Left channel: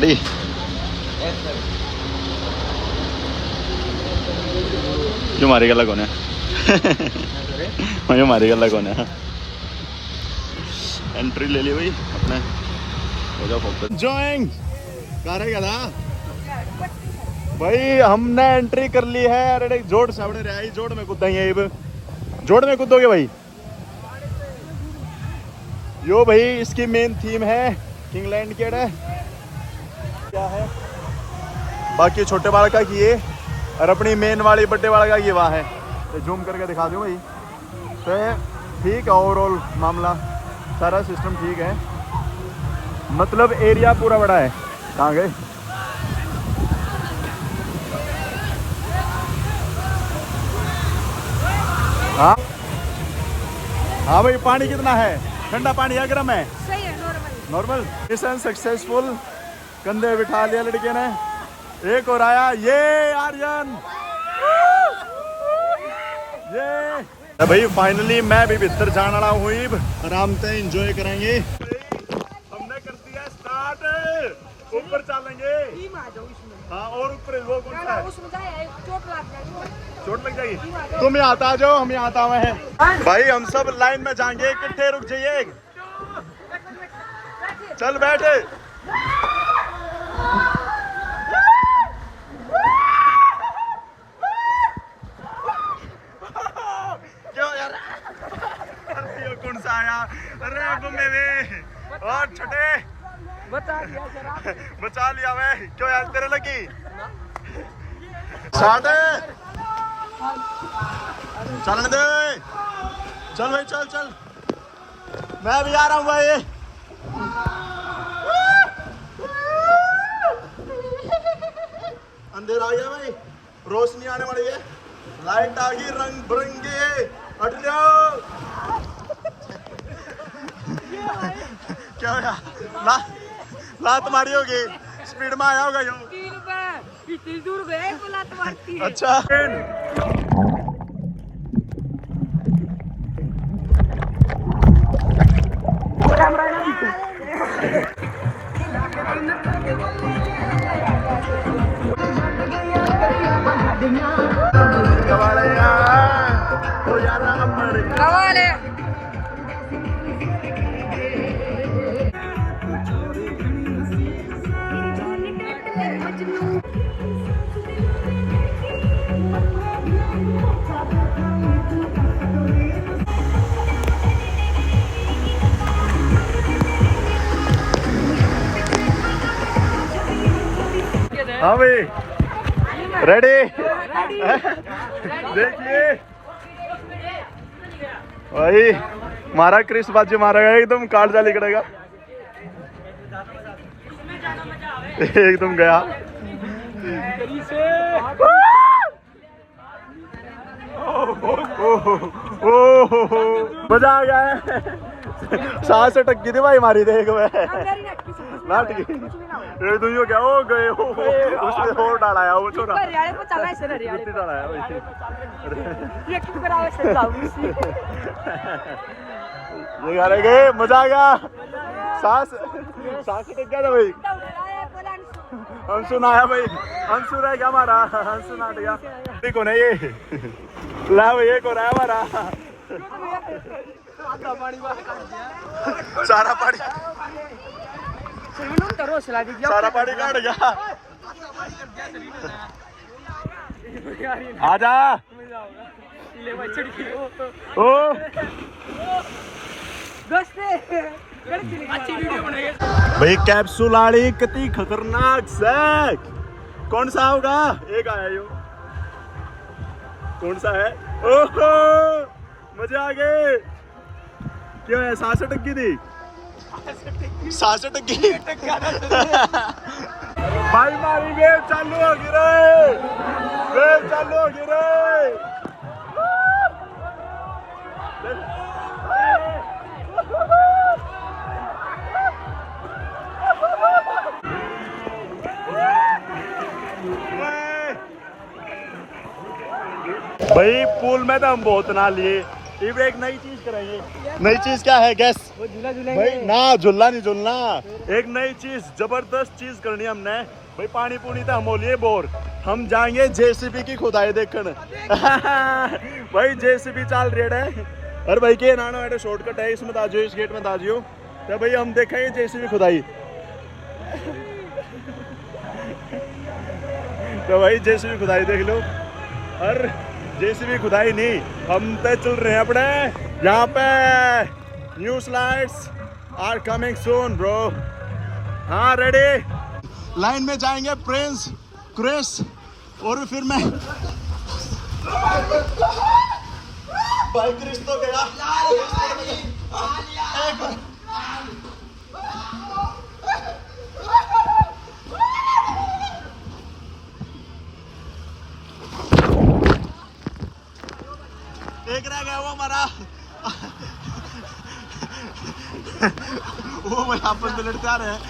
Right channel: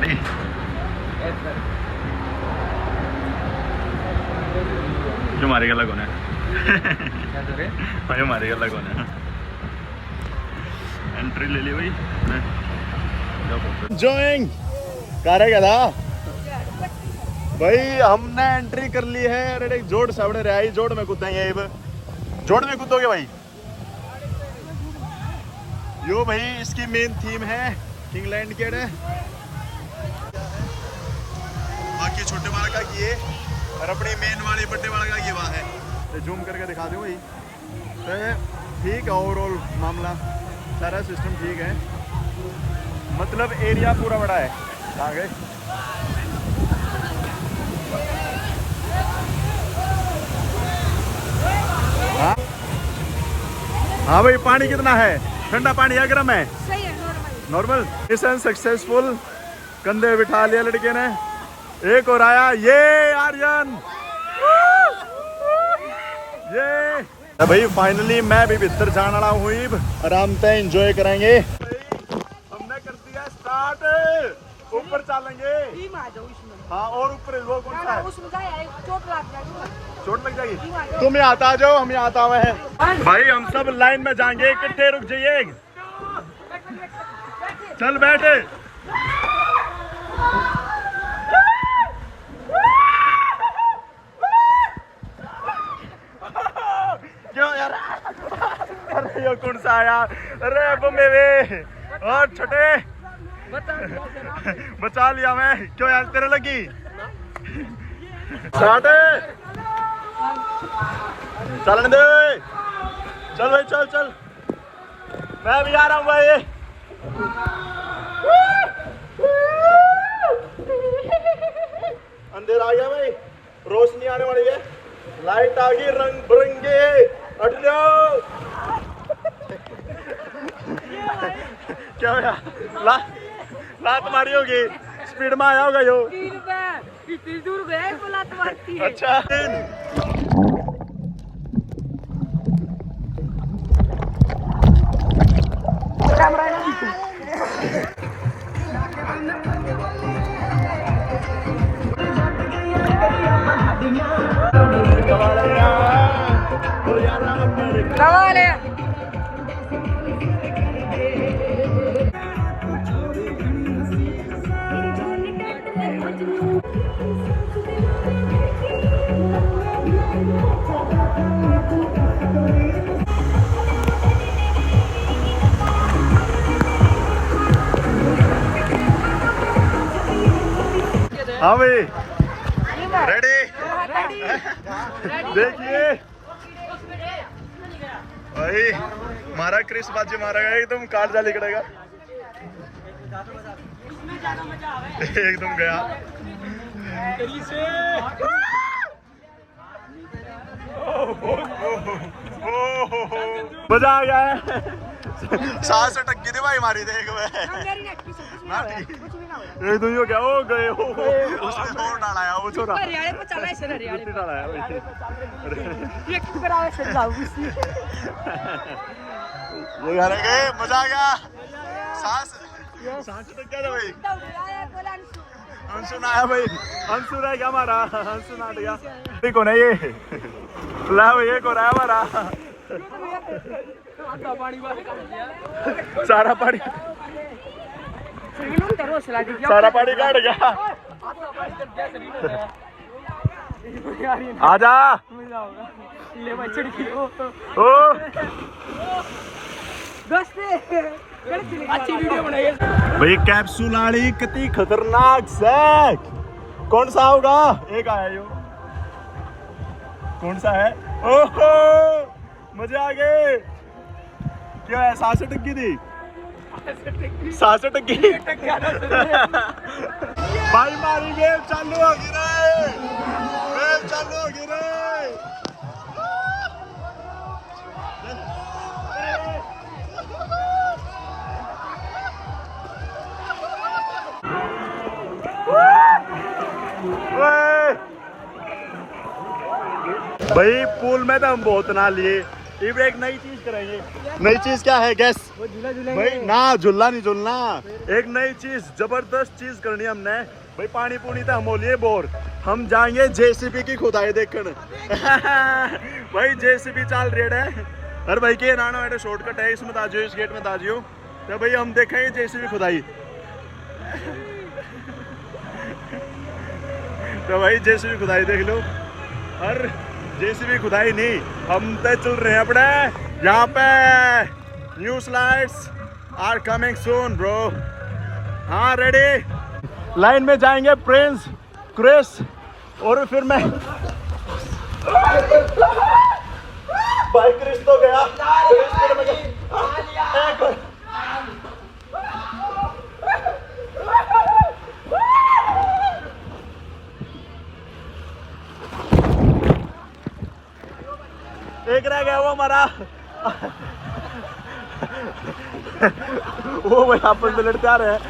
Ready? क्यों मारी गला कौन है? मुझे मारी गला कौन है? एंट्री ले ली भाई अपने। जॉइंग कर था भाई, हमने एंट्री कर ली है। अरे जोड़ सामने रहा ही, जोड़ में कूदेंगे। जोड़ में कूदोगे भाई? यो भाई इसकी मेन थीम है किंगलैंड के है। क्या है बाकी छोटे वाला का ये, और अपनी मेन वाली बड्डे वाला का ये वहाँ है। तो जूम करके दिखा दूँ भाई। तो ठीक है, ओवरऑल मामला सारा सिस्टम ठीक है, मतलब एरिया पूरा बड़ा है। कहाँ गए? हाँ हाँ भाई, पानी कितना है? ठंडा पानी है, गर्म है? सही है, नॉर्मल। मिशन सक्सेसफुल, कंधे बिठा लिया लड़के ने। एक और आया, ये आर्यन, ये भाई फाइनली मैं भी भीतर जाने वाला हूँ। आराम से एंजॉय करेंगे। हमने कर दिया स्टार्ट, ऊपर चलेंगे। हाँ, और ऊपर वो कौन सा है? चोट लग जाएगी। तुम यहाँ आता जाओ, हम यहाँ आता हुए हैं भाई। हम सब लाइन में जाएंगे, इकट्ठे रुक जाइए। चल बैठे। क्यों यार? अरे ये कौन सा आया? अरे अब मेरे और छोटे बचा लिया मैं। क्यों यार, तेरे लगी? स्टार्ट, चलने दे। चल भाई, चल चल, मैं भी आ रहा हूँ भाई। अंधेरा आ गया भाई, रोशनी आने वाली है, लाइट आ गई, रंग बिरंगे। हट जाओ। क्या होगा? लात मारी होगी, स्पीड में आया होगा यो। इतनी दूर गए वो लात मारती है। अच्छा कमाल है। हाँ भाई, रेडी? देखिए भाई, मारा क्रिस बाजी मारा गया, एकदम काट जा निकलेगा, एकदम गया। मजा आ गया है। सांस अटक गई थी भाई हमारी, देख मैं एकदम हो गया। ओ गए हो, उसने और डाला वो छोरा डाला है गए। मजा आ गया, सांस अटक गया था भाई। अंशु ना आया भाई, अंशु रह गया हमारा, अंशु ना गया। देखो ना ये ला भाई, एक और आया हमारा। सारा पानी काट गया। आजा भाई, कैप्सूल आड़ी कितनी खतरनाक सैक। कौन सा होगा? एक आया यो, कौन सा है? ओहो मजे आ गए। क्यों है? सांस अटक गई थी, सांस अटक गई भाई। मारी वेव चालू होगी रे, वेव चालू होगी रे। भाई पूल में तो हम बहुत ना लिए, इब एक नई चीज करेंगे। नई चीज क्या है गैस? वो झूला भाई ना झूला नहीं झूलना, एक नई चीज जबरदस्त चीज करनी हमने भाई। पानी पूनी तो हम बोलिए बोर, हम जाएंगे जेसीबी की खुदाई देखने। भाई जेसीबी चल रही है। अरे भाई के नाना बेटा शॉर्टकट है इसमें, दाजियो इस गेट में दाजियो। तो भाई हम देखेंगे जेसीबी खुदाई। तो भाई जेसीबी खुदाई देख लो। और जेसीबी खुदाई नहीं, हम तो चल रहे हैं अपने यहाँ पे। New slides are coming soon bro. हाँ रेडी। लाइन में जाएंगे प्रिंस, क्रिस और फिर मैं। भाई क्रिस तो गया। एक रह गया वो हमारा। वो भाई आपस में लड़ते आ रहे हैं।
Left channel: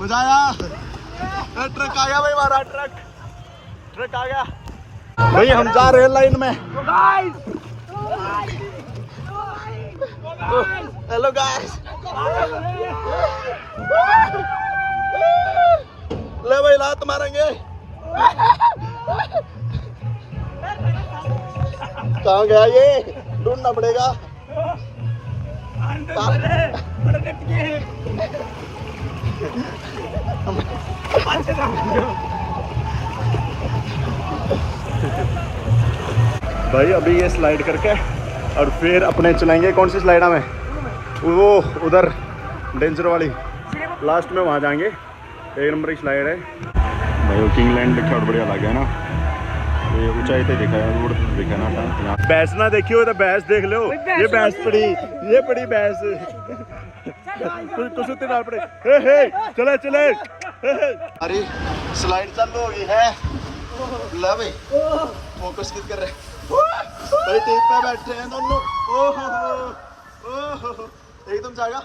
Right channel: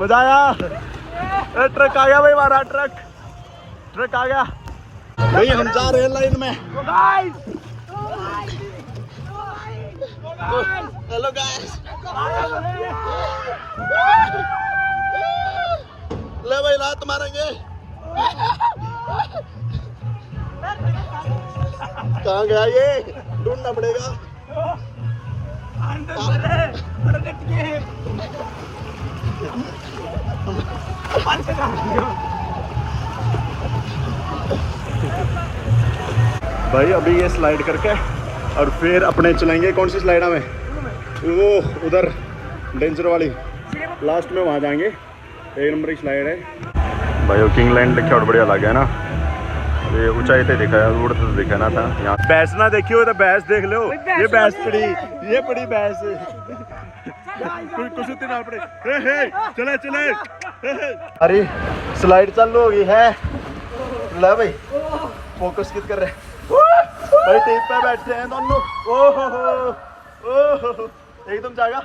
मजा आया। ट्रक आ गया भाई, हमारा ट्रक आ गया भाई। हम जा रहे हैं लाइन में। Hello guys. ले भाई लात मारेंगे। कहाँ गया ये? ढूंढना पड़ेगा। भाई अभी ये स्लाइड करके और फिर अपने चलेंगे। कौन सी स्लाइड में? वो उधर डेंजर वाली लास्ट में, वहाँ जाएंगे। 1 नंबर की स्लाइड है भाई। वो किंगलैंड देखा और बढ़िया लगा है ना। ये ऊंचाई पे देखा है, उड़ तो देखा ना था। यहाँ भैंस ना देखी हो तो भैंस देख लो। ये भैंस पड़ी, ये पड़ी भैंस। कुछ ना पड़े। चले चले। अरे स्लाइड चालू हो गई है। ले भाई फोकस कित कर रहे भाई। टेप पे बैठे हैं दोनों। ओहो एकदम जाएगा।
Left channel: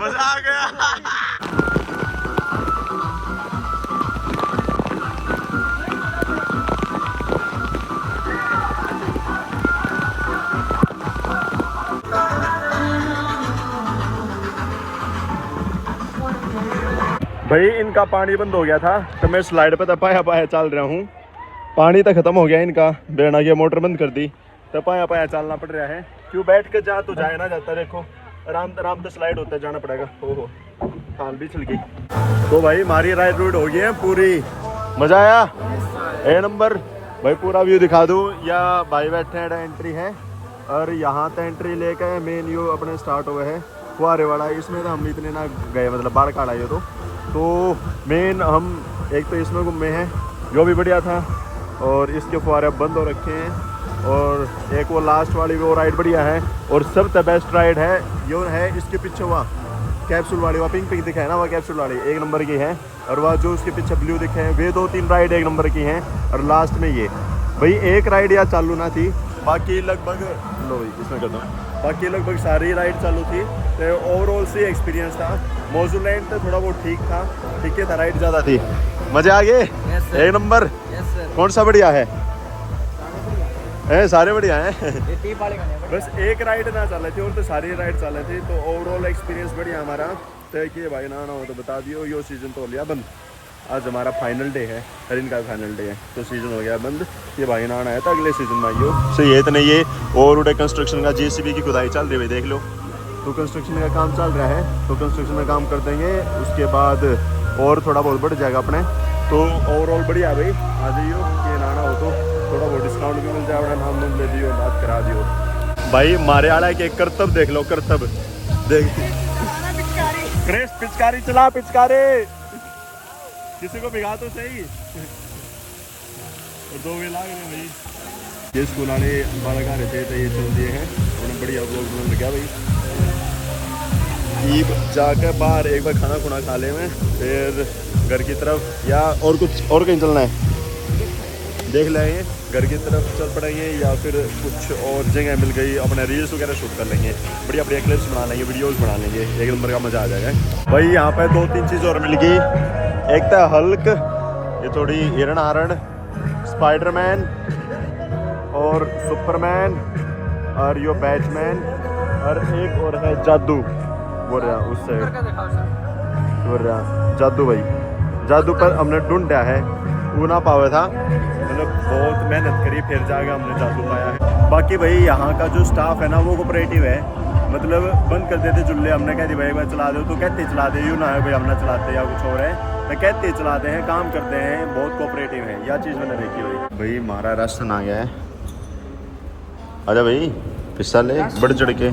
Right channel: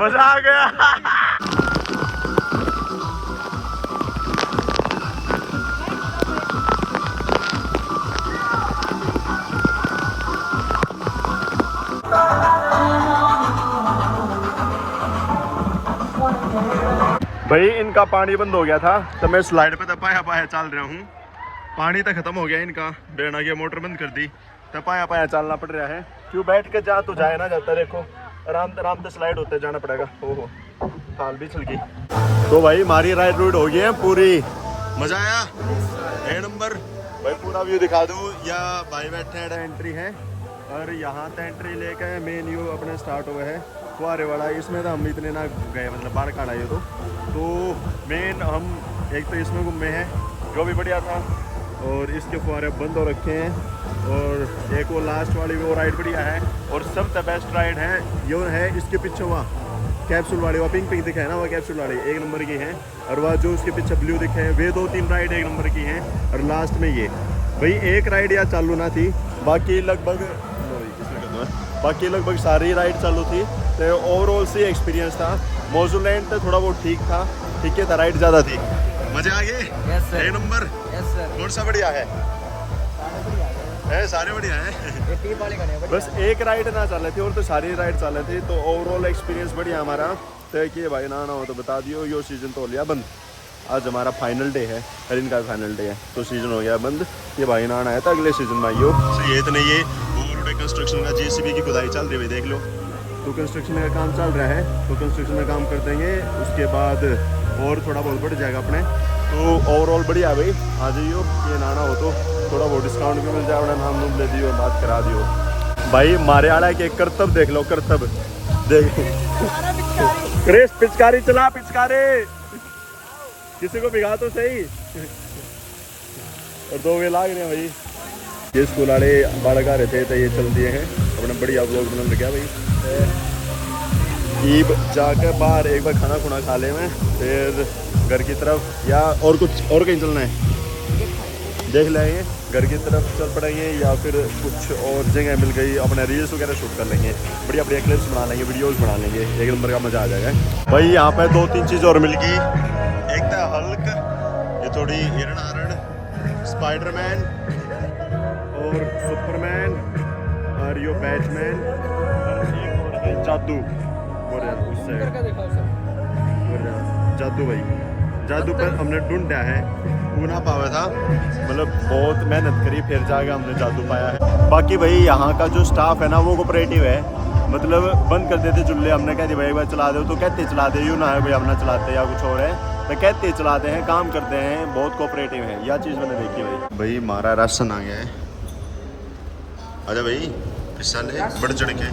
मजा आ गया। भाई इनका पानी बंद हो गया था तो मैं स्लाइड पे पाया चल रहा हूँ। पानी तो खत्म हो गया इनका, बेना की मोटर बंद कर दी तो पाया चलना पड़ रहा है। क्यों बैठ के जा तो जाए ना जाता। देखो आराम से स्लाइड होते जाना पड़ेगा। ओहो काल भी चल गई। तो भाई हमारी राइड रूट हो गई है पूरी। मजा आया? 1 नंबर। भाई पूरा व्यू दिखा दूँ या भाई बैठे हैं? एंट्री है और यहाँ तो एंट्री लेके मेन व्यू अपने स्टार्ट हुए है फुहारे वाला। इसमें तो हम इतने ना गए, मतलब बाढ़ काट आए तो मेन हम एक तो इसमें घूमे हैं जो भी बढ़िया था, और इसके फुहारे अब बंद हो रखे हैं। और एक वो लास्ट वाली वो राइड बढ़िया है, और सबसे बेस्ट राइड है ये है इसके पीछे वहाँ कैप्सूल वाली, वहाँ पिंक दिखा है ना, वह कैप्सूल वाली 1 नंबर की है। और वह जो उसके पीछे ब्लू दिखे हैं वे 2-3 राइड 1 नंबर की हैं। और लास्ट में ये भाई एक राइड या चालू ना थी, बाकी लगभग इसमें कहता हूँ बाकी लगभग सारी राइड चालू थी। तो ओवरऑल से एक्सपीरियंस था। मोजूलैंड तो थोड़ा बहुत ठीक था, ठीक है था, राइड ज़्यादा थी। मजे आ गए? 1 नंबर। कौन सा बढ़िया है? सारे बढ़िया हैं। बस एक राइड ना चल रही थी और तो सारी राइड चल रही थी। तो ओवरऑल एक्सपीरियंस बढ़िया हमारा। तो कि भाई ना हो तो बता दियो, यो सीज़न तो हो लिया बंद। आज हमारा फाइनल डे है, हर इनका फाइनल डे है, तो सीज़न हो गया बंद। ये भाई ना आना है तो अगले सीज़न में आइयो। सही है तो नहीं ये और उड़े कंस्ट्रक्शन का जेसीबी की खुदाई चल रही है, देख लो। तो कंस्ट्रक्शन का काम चल रहा है, तो कंस्ट्रक्शन में काम कर देंगे। उसके बाद और थोड़ा बहुत बढ़ जाएगा अपने। तो ओवरऑल बढ़िया भाई, आ जाइयो। ये नाना हो तो थोड़ा बहुत डिस्काउंट भी मिल जाए, अपना नाम नूम ले दियो, बात करा दियो। भाई मारे आड़ा के करतब देख लो, करतब देख। क्रिस पिचकारी चला, पिचकारी किसी को भिगा तो सही। और 2 वे लाग रहे हैं भाई। ये स्कूल वाले बालक आ रहे थे तो ये चल दिए हैं अपना बढ़िया व्लॉग बना लगा भाई। ईब जाकर बाहर एक बार खाना खुना खा ले में, फिर घर की तरफ या और कुछ और कहीं चलना है। देख लेंगे, घर की तरफ चल पड़ेंगे या फिर कुछ और जगह मिल गई अपने रील्स वगैरह शूट कर लेंगे, बढ़िया बढ़िया क्लिप्स बना लेंगे, वीडियोस बना लेंगे, एक नंबर का मज़ा आ जाएगा भाई। यहाँ पे 2-3 चीज़ और मिल गई, एक था हल्क, ये थोड़ी हिरण हारण, स्पाइडरमैन और सुपरमैन और यो बैटमैन और एक और है जादू, बोल रहा उससे बोल रहा जादू भाई। जादू पर हमने ढूंढा है, वो ना पाया था, मतलब बहुत मेहनत करी फिर जाके हमने जादू पाया है। बाकी भाई यहाँ का जो स्टाफ है ना वो कोऑपरेटिव है, मतलब बंद कर देते चूल्हे, हमने कह दिया भाई एक बार चला दो तो कहते चला दे, यूँ ना है भाई हम ना चलाते या कुछ और है, तो कहते चलाते हैं, काम करते हैं, बहुत कोऑपरेटिव है। यह चीज़ मैंने देखी भाई। भाई हमारा राशन आ गया है, आजा भाई हिस्सा ले बढ़ चढ़ के।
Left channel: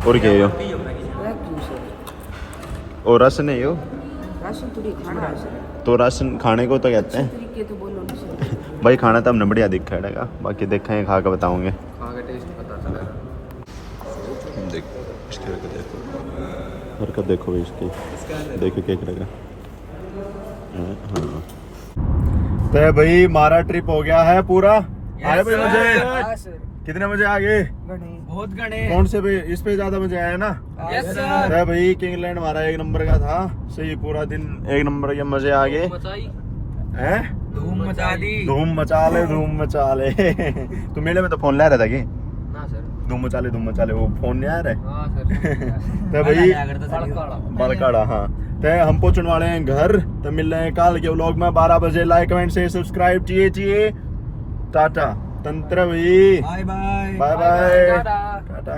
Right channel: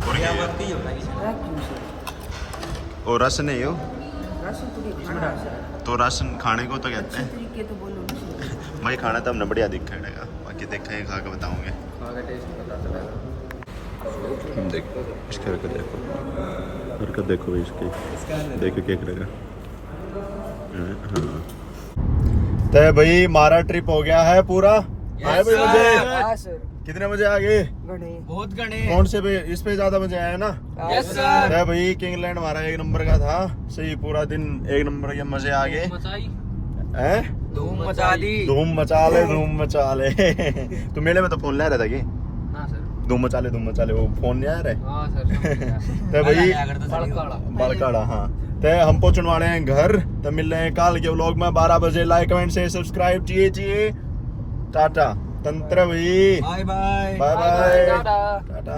और क्या है और राशन है यो, तो राशन खाने को तो कहते हैं भाई, खाना तो हमने बढ़िया देखा है, बाकी देखेंगे खा के बताऊंगे, खा के टेस्ट पता चलेगा। देखो इसके हरकत देखो, हरकत देखो भाई इसकी, देखो क्या करेगा। हाँ तो भाई हमारा ट्रिप हो गया है पूरा। आए भाई मजे, कितने बजे आ गए? बहुत गणे। कौन से पे इस पे ज्यादा मजा आया ना? Yes sir. तो भाई किंगलैंड हमारा एक नंबर का था, सही पूरा दिन एक नंबर के मजे आ गए हैं, धूम मचा दी। धूम मचा ले, धूम मचा ले। तू मेले में तो फोन ला रहा था कि हाँ सर। धूम मचा ले, वो फोन नहीं आ रहा है। हाँ सर। तो भाई बड़काड़ा। बड़काड़ा, हाँ तो हम पहुंचने वाले हैं घर, तो मिल रहे हैं कल के व्लॉग में 12 बजे। लाइक कमेंट से सब्सक्राइब चाहिए। टाटा तंत्र भाई, बाय बाय। बाय बाय, टाटा। टाटा।